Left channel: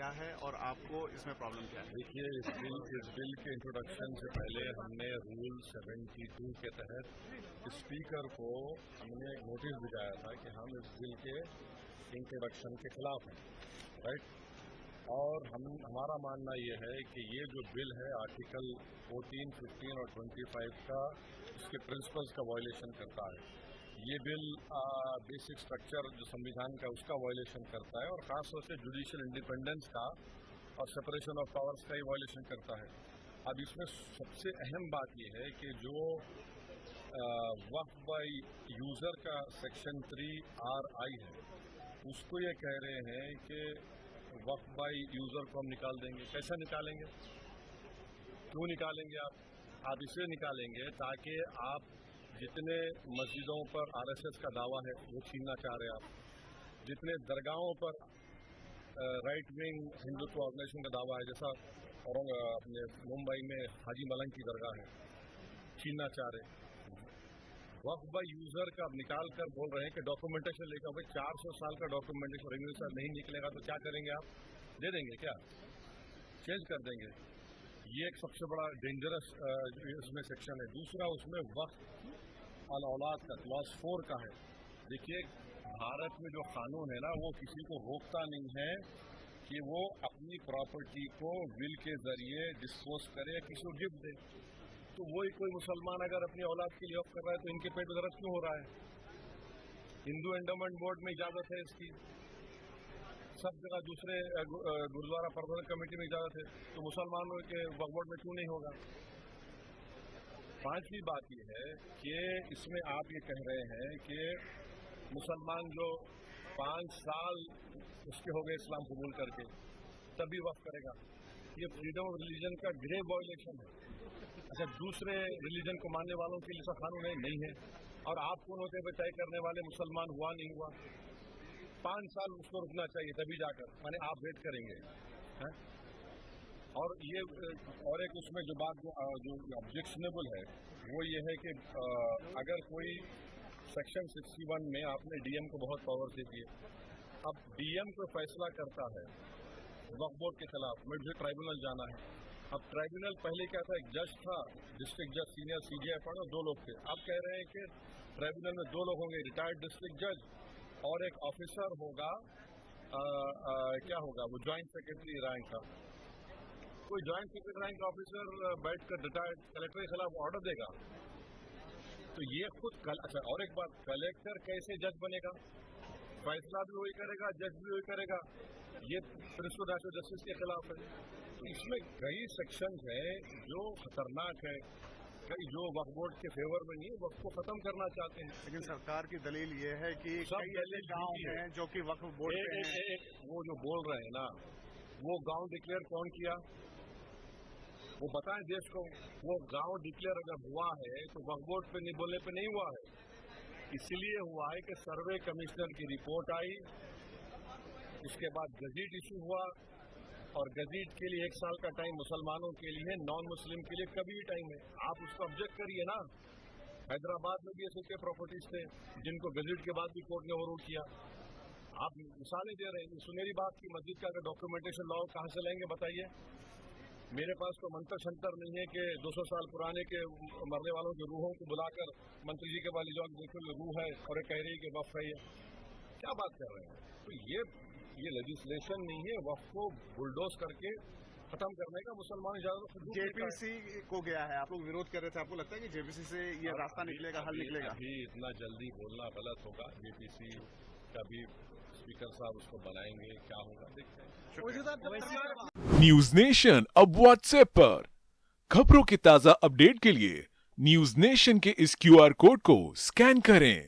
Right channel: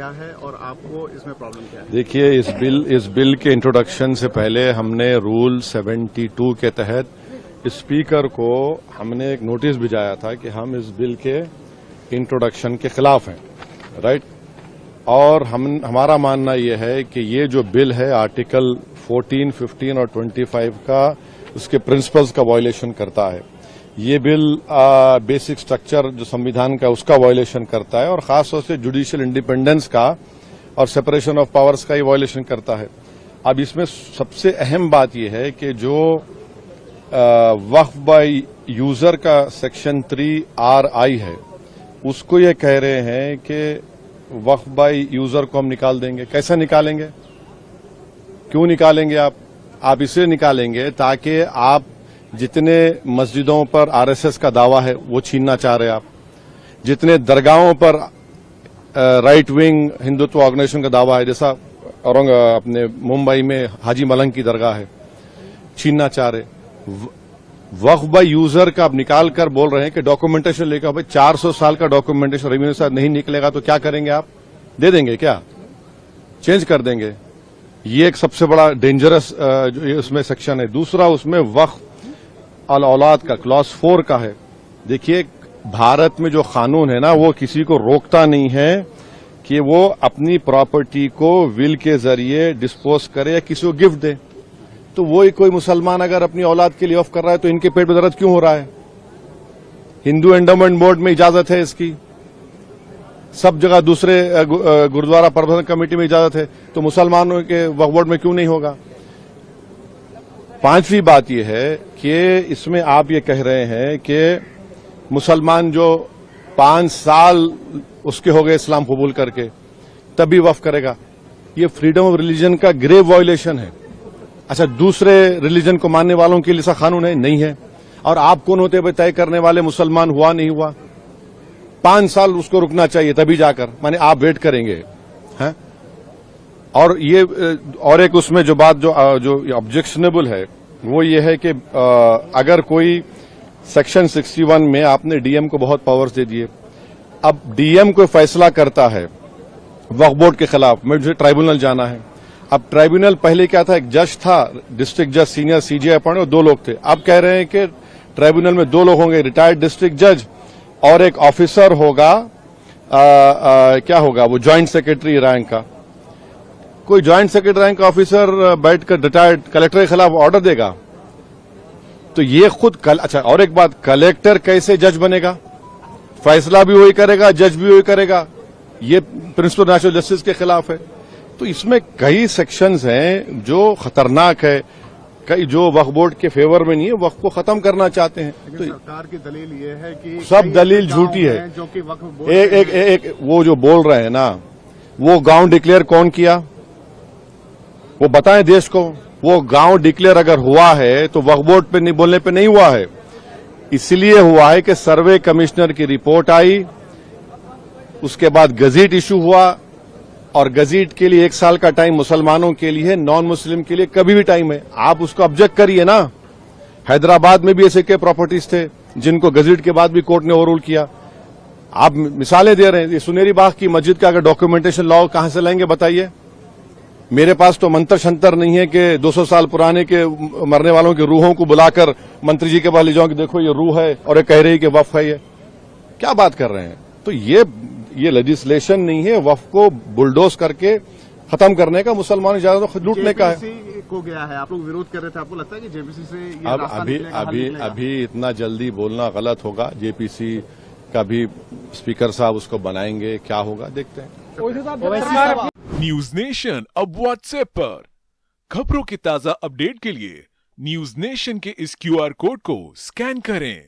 کیا ہے اور آپ کو اس میں پرابلم کیا ہے؟ دیکھیے اس بل کے انٹروڈکشن سے پہلے ہم نے رول 72 کے تحت اسپیکر کو ہم نے ایک نوٹس بھیجایا تھا کہ ہم اس بل کے انٹروڈکشن کے خلاف ہیں، رائٹ؟ اور ہمارا ماننا یہ ہے کہ یہ جو بل ہے آرٹیکل 14, 15 اور 25 کا اس کے پرنسپلز کا وائلیشن کرتا ہے۔ یہ بل بیسک سٹرکچر جو سمویدھان کا اس کا وائلیشن کرتا ہے اور خاص طور سے جوڈیشل انڈیپینڈنس کا اور سپریشن آف پاورز کا یہ وائلیشن کرتا ہے۔ اب اس میں سب سے اہم بات یہ ہے کہ جو وقف بائی یوزر کا سیکشن 3RI ہے اس کو یہ کہہ رہے ہیں کہ وقف بائی یوزر کو ہم نکال دیں گے۔ کیسے نکالیں گے؟ کیوں نکالیں گے آپ اس لیے نکالیں گے تاکہ آپ جتنے مسجدوں پر RSS کا دعویٰ ہے وہ چھیننا چاہ رہے آپ، جتنے درگاہوں پر رائٹ ونگ ہندوتو آرگنائزیشن کا دعویٰ ہے، جیسا اپنے ممبئی میں حاجی ملنگ کی درگاہ ہے، چھیننا چاہ رہے۔ وقف بائی یوزر کا آپ نکال کر بول رہے ہیں کہ ڈاکومنٹیشن لے کر 400 سال کا ڈاکومنٹیشن ریونیو سے نہیں نکلے گا تو کیا کریں گے آپ؟ دے دیں گے کیا؟ چینج کر دیں گے؟ یہ ایک سب سے بڑا ڈینجرس اس میں سیکشن ہے۔ دوسرا اس میں وقف الاولاد کا کلاس 4 کا ہے۔ دیکھیے بھارت میں جو قانون ہے نا وہ کسی کو روکتا نہیں ہے کہ وہ اپنی پراپرٹی کو ول کے ذریعے ڈسپوز کرے یا کسی کو گفٹ دے۔ تو وہی کوئی مسلمان اگر اپنی اولاد کے لیے وقف کر رہا ہے تو ان کے پیٹ میں درد کیوں ہو رہا ہے؟ ہندو انڈومنٹ بورڈ میں اجازت ہے اس کی، سب جگہ دوسرے گردوارہ پربندھن کمیٹی میں اجازت ہے، تو مسلمانوں کے وقف بورڈ میں کیوں نہیں ہوگا؟ پانچویں بات یہ ہے کہ اس میں آپ یہ کہہ رہے ہیں کہ مسلمان جو 5 سال اس کے ہو گئے اسلام قبول کر کے تبھی وقف کرے گا، یہ فریڈم آف ریلیجن کا گریو وائلیشن ہے۔ اچھا دوسرے ریلیجن کو ماننے والوں کے لیے ایسا قانون ہے؟ نہیں ہے۔ اور آپ کون ہوتے ہیں طے کرنے والے مسلمان ہوا نہیں ہوا؟ 5 سال اس کو رکنا چاہیے تبھی جا کر، مانے آپ ویٹ کریں گے ہاں؟ اور یہ اور ایک اس میں جو بات جو آبجیکشنیبل ہے وہ یہ ہے کہ اگر کوئی سیکشن 61 میں آپ نے ڈی ایم کو بہت پاورز دے دیے، اب ڈی ایم کوئی فیصلہ کرتا ہے وقف بورڈ کے خلاف، مجھے ٹرائبونل جانا ہے۔ اب ٹرائبونل پہلے کیا تھا؟ ایک جج تھا، ڈسٹرکٹ جج سینئر CJ اپوائنٹ، اور 2 لوگ تھے۔ اب کہہ رہے ہیں کہ ٹرائبونل میں 2 لوگ ہوں گے، ریٹائرڈ ڈسٹرکٹ جج اور ایک آفیسر ہوگا، کیا ہوگا وہ جوائنٹ سیکرٹری رینک کا۔ کوئی جوائنٹ سیکرٹری رینک کا آفیسر بیٹھ کر ریٹائرڈ کلیکٹر کے خلاف آرڈر دے گا تو یہ خود اچھا اور ایک بات، کلیکٹر کیسے جج بنے گا؟ فیصلہ بھی وہی کرے گا، جج بھی وہی کرے گا، یہ پرنسپل نیچرل جسٹس کے خلاف ہے۔ تو اس میں کئی سیکشنز ہیں جو خطرناک ہے، کئی جو وقف بورڈ کے فیور میں نہیں ہے، وقف کو ختم کرنا چاہتے ہیں۔ تو سرکار کی دلیل یہ ہے کہ سب دلیل جھوٹی ہے۔ جو کہ وقف بورڈ ایک وہ جو بول رہے ہیں نا، وہ گاؤں ڈکلیئر کون کیا؟ وہ بتائیں دیش کو۔ وہ گاؤں ڈکلیئر اگر ہوا ہے تو وقف بورڈ پہ نہیں بولنے پہ نہیں ہوا ہے، اس لیے ہوا ہے کہ سروے کمشنر کی رپورٹ آئی، اس کے بعد گزٹ ایشو ہوا، اور گزٹ کے لیے 1 سال کا ٹائم مسلمانوں کے لیے ہے، نان مسلم کے لیے کبھی بھی ٹائم ہے۔ آپ اس کو آبجیکٹ کریے نا۔ حیدرآباد میں بھی ایسے کے پراپرٹیز تھے جن کو گزٹ کے بعد بھی کورٹ نے اوور رول کیا۔ آپ مثالیں دے رہے ہیں، یہ سنیری باغ کی مسجد کا اگر ڈاکومنٹیشن لاؤ کہاں سے لائیں گے بتائیے؟ میرے پاس تو منتر شنتر نہیں ہے کہ 200 سال پرانے کے مرنے والوں کی روحوں کو بلا کر منتری جی کے پاس لے جاؤں کہ دیکھو یہ روح ہے اور یہ کہہ رہی کہ وقف ہے۔ یہ کیا بات کر رہے ہیں؟ تو یہ لیجسلیشن نہیں ہے وقف کو بلڈوز کر کے ختم کرنے کا، مسلمان اجازت لوٹنے کا ہے۔ JPC کو گیا ہے، آپ لوگ ویروڈ کر رہے تھے، آپ کو لگتا ہے کہ JPC سے یہ راستہ نکلے گا؟ ابھی اتنا جلدی بولنا غلط ہوگا۔ JPC کا بھی اسپیکر صاحب اس کو بنائیں گے، کیا ہوگا دیکھتے ہیں۔ نیوز نیشن اب واٹس ایپ پر خبروں کے تازہ اپڈیٹ کے لیے نیوز نیشن کے اس QR کوڈ کو سکین کریں۔